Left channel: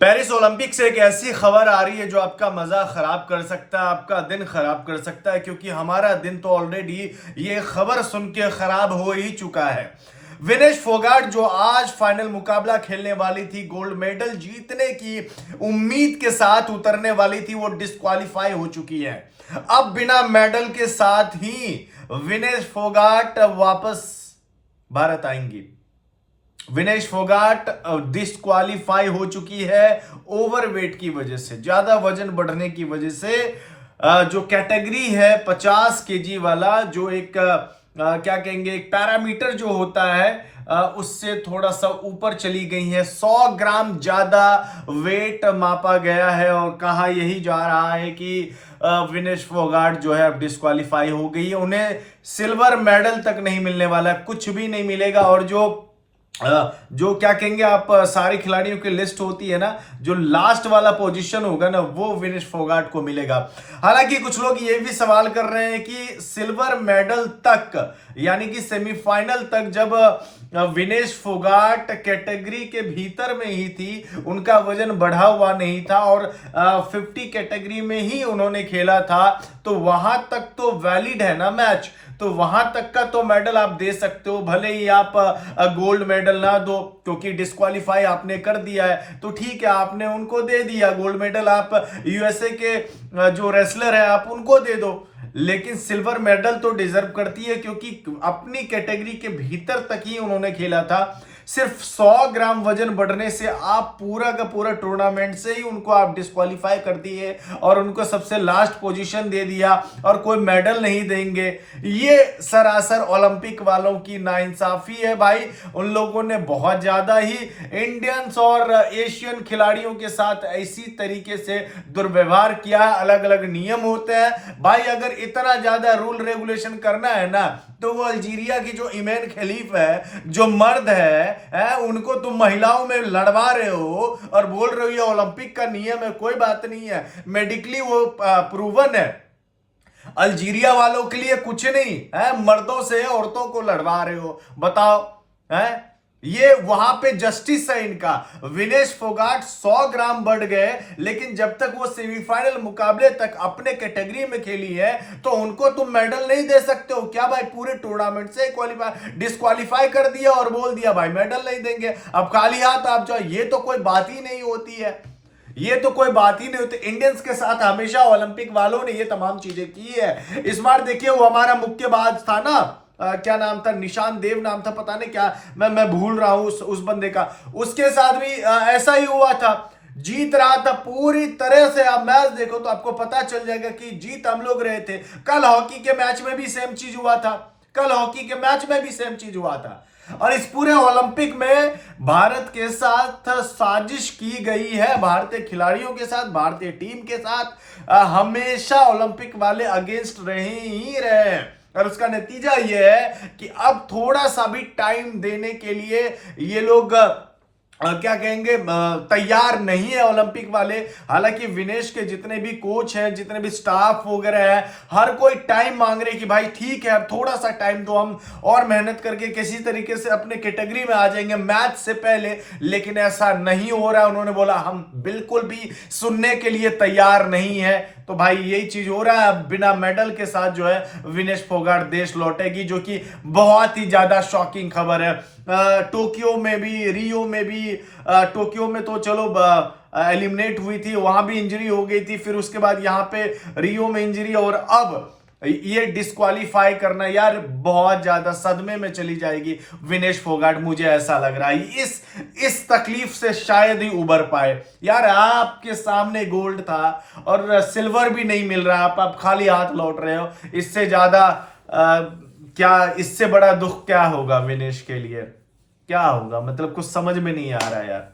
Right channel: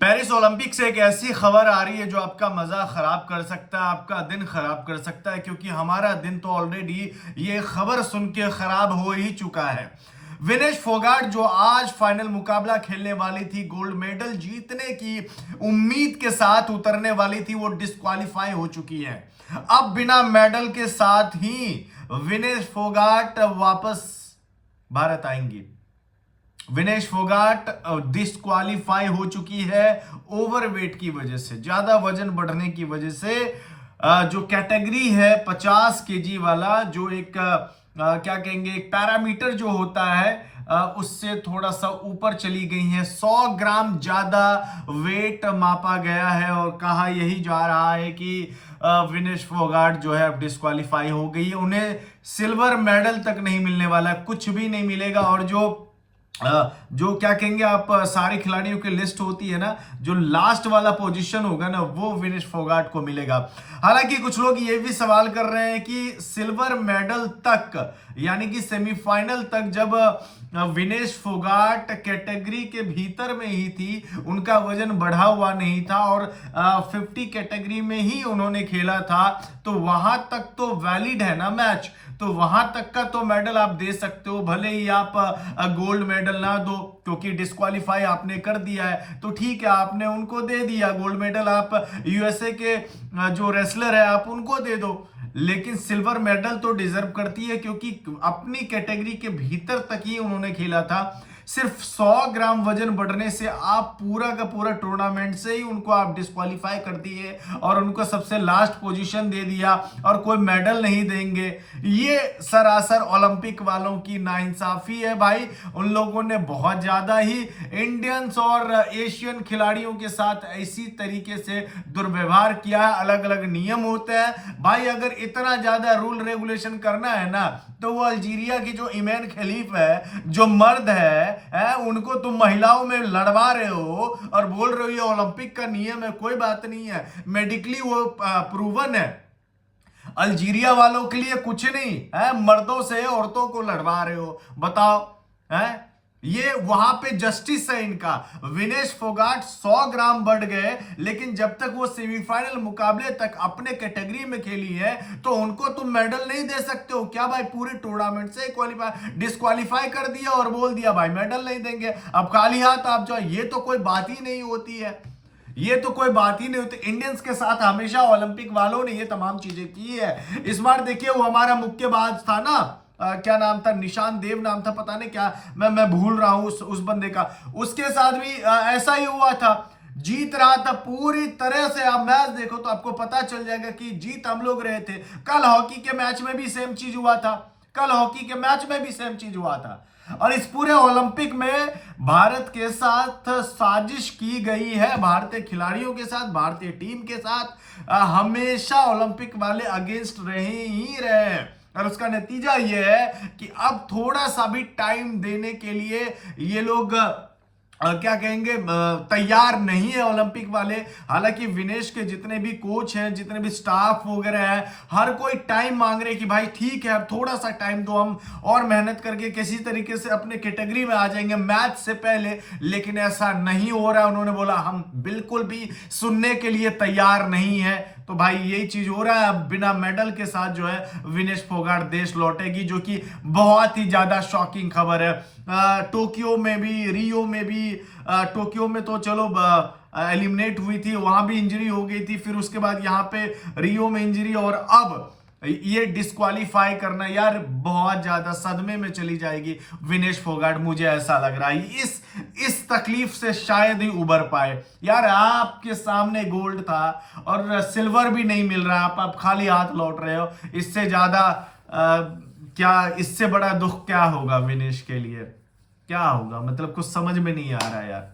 Paris Olympic से एक ऐसी खबर आ रही है जो आपका मजा खराब कर सकता है, आपका दिन खराब कर सकता है, क्योंकि हमारा दिन तो ऑलरेडी ये खबर सुन के खराब हो ही चुका है। विनेश फोगाट जो आज फाइनल मुकाबला खेलने वाली थी, गोल्ड मेडल जीतने की उम्मीद के साथ उतरने वाली थी, वो डिस्क्वालीफाई हो चुकी है। अब बिना मेडल के साथ ही विनेश फोगाट वापस भारत आएंगी। विनेश फोगाट डिस्क्वालीफाई हो चुकी है ओवरवेट की वजह से, ज्यादा वजन बढ़ने की वजह से। जो कैटेगरी है 50 केजी वाला, जो एक क्या कहेंगे, एक पैरामीटर जो होता है, उससे थोड़ा सा ऊपर चली गई है। 100 ग्राम ज्यादा वेट मापा गया है और कहा यही जा रहा है कि विनेश फोगाट जो है अब डिस्क्वालीफाई हो गई है। उन्हें सिल्वर मेडल तक नहीं मिलने वाला, कुछ भी नहीं मिलेगा। और जो क्या कहेंगे आप, सारे खिलाड़ियों की लिस्ट होती है ना, जो लास्ट वाला पोजीशन होगा ना, वो विनेश फोगाट को मिलेगा। हालांकि कुछ लोग ये भी सवाल कर रहे हैं कि सिल्वर मेडल तक, यानी कि सेमीफाइनल तक, जब विनेश फोगाट कैटेगरी के भीतर में ही थी, उनका वजन बढ़ा हुआ नहीं था और 50 कैटेगरी में ही उन्होंने खेला था, तो वहां तक तो वैलिड है ना मैच, तो वहां तक का तो मेडल आप दे सकते हो। भले ही आप गोल्ड मेडल ना दो, क्योंकि डिस्क्वालीफाई आपने कर दिया है, तो ठीक है, आपने उनको दे दिया गोल्ड मेडल। आप यूएसए के जो रेसलर है आप उनको दे दो, लेकिन सिल्वर मेडल तो डिजर्व करती है, क्योंकि अपनी कैटेगरी के भीतर तक ही उन्होंने खेला था। सिर्फ 100 ग्राम वजन बढ़ने से आप पूरा का पूरा टूर्नामेंट से ही उनको आप डिस्क्वालीफाई कर दिए और उनको सबसे लास्ट पोजीशन दे दिया और कोई मेडल नहीं देंगे। ये सरासर ओलंपिक वालों की नाइंसाफी है भाई। उन लोगों ने बहुत ज्यादा ही इंडियंस और एशियन खिलाड़ियों के साथ ऐसी तरीके से दुर्व्यवहार किया है। अलग अलग नियम होते हैं भाई, अगर इतना ज्यादा रूल रेगुलेशन करना है ना, तो वो अल्जीरिया की जो इमैन खलीफ है, जो मर्द है, उनको तुम महिलाओं में लड़वा रहे हो और बोल रहे हो ये ओलंपिक का नियम है। कोई बात नहीं है, मेडिकली वो प्रूवन है। अल्जीरिया वालों के लिए कुछ नहीं है, मर्दों से औरतों को लड़वा रहे हो, बताओ है। ये वहां पे जस्टिस है इनका। विनेश फोगाट 100 ग्राम बढ़ गए, लेकिन जब तक वो सेमीफाइनल मुकाबले तक अपने कैटेगरी में खेली है, तो उनको तुम मेडल नहीं दे सकते हो क्या भाई? पूरे टूर्नामेंट से डिस्क्वालीफाई कर दिया और बोल दिया भाई मेडल नहीं देंगे, अब खाली हाथ आप जाओ। ये तो कोई बात ही नहीं होती है, ये तो कोई बात ही नहीं होती। इंडियंस के साथ हमेशा ओलंपिक वालों ने ये तमाम चीजें की है। इस बार देखिए, वो हमारा मुक्केबाज था ना, क्या नाम था, निशान देव नाम था, पता नहीं क्या, मैं भूल रहा हूं उस बंदे का। उसके साथ भी ऐसा ही हुआ था, जीत रहा था पूरी तरह से। आप मैच देखो तो आपको पता चल जाएगा कि जीत हम लोग रहे थे। कल हॉकी के मैच में भी सेम चीज हुआ था, कल हॉकी के मैच में भी सेम चीज हुआ था। और इस पूरे ओलंपिक में भारत के साथ साजिश की गई है, भारतीय खिलाड़ियों के साथ, भारतीय टीम के साथ। हमेशा ओलंपिक वाले अगेंस्ट रहे ही रहे, और उसका नतीजा यह है कि अब थोड़ा सा भी टाइम देने के लिए ये लोग क्या कहेंगे, तैयार नहीं है ओलंपिक वाले। हालांकि विनेश के जितने भी कोच हैं, जितने भी स्टाफ वगैरह हैं, हर कोई टाइम मांग रहे कि भाई ठीक है, अब थोड़ा सा टाइम दो, हम और मेहनत करके किसी तरीके से अपने कैटेगरी में आ जाएंगे मैच से पहले। लेकिन ऐसा नहीं हो रहा। उन्होंने बोला हम बिल्कुल भी सुनने के लिए तैयार नहीं है। तो भाई यही चीज हो रहा है। बिना मेडल के साथ जो है विनेश फोगाट देश लौटेगी, जो कि बहुत ही ज्यादा शॉकिंग खबर है। टोक्यो में भी, रियो में भी, टोक्यो में तो चलो एलिमिनेट हुई थी, वहां भी इंजरी हो गई थी, फिर उसके बाद यहाँ पे रियो में इंजरी, और अब ये डिस्क्वालीफाई करना, यार बहुत ज्यादा सदमे में चली जाएगी विनेश फोगाट, मुझे ऐसा लग रहा है। इस तकलीफ से शायद ही उबर पाए। यार आपके सामने गोल्ड था और सिल्वर भी नहीं मिल रहा, आप खाली हाथ लौट रहे हो। इससे ज्यादा क्या, इससे बड़ा दुख क्या होगा विनेश के लिए? क्या होगा, मतलब कुछ समझ में नहीं आ रहा यार।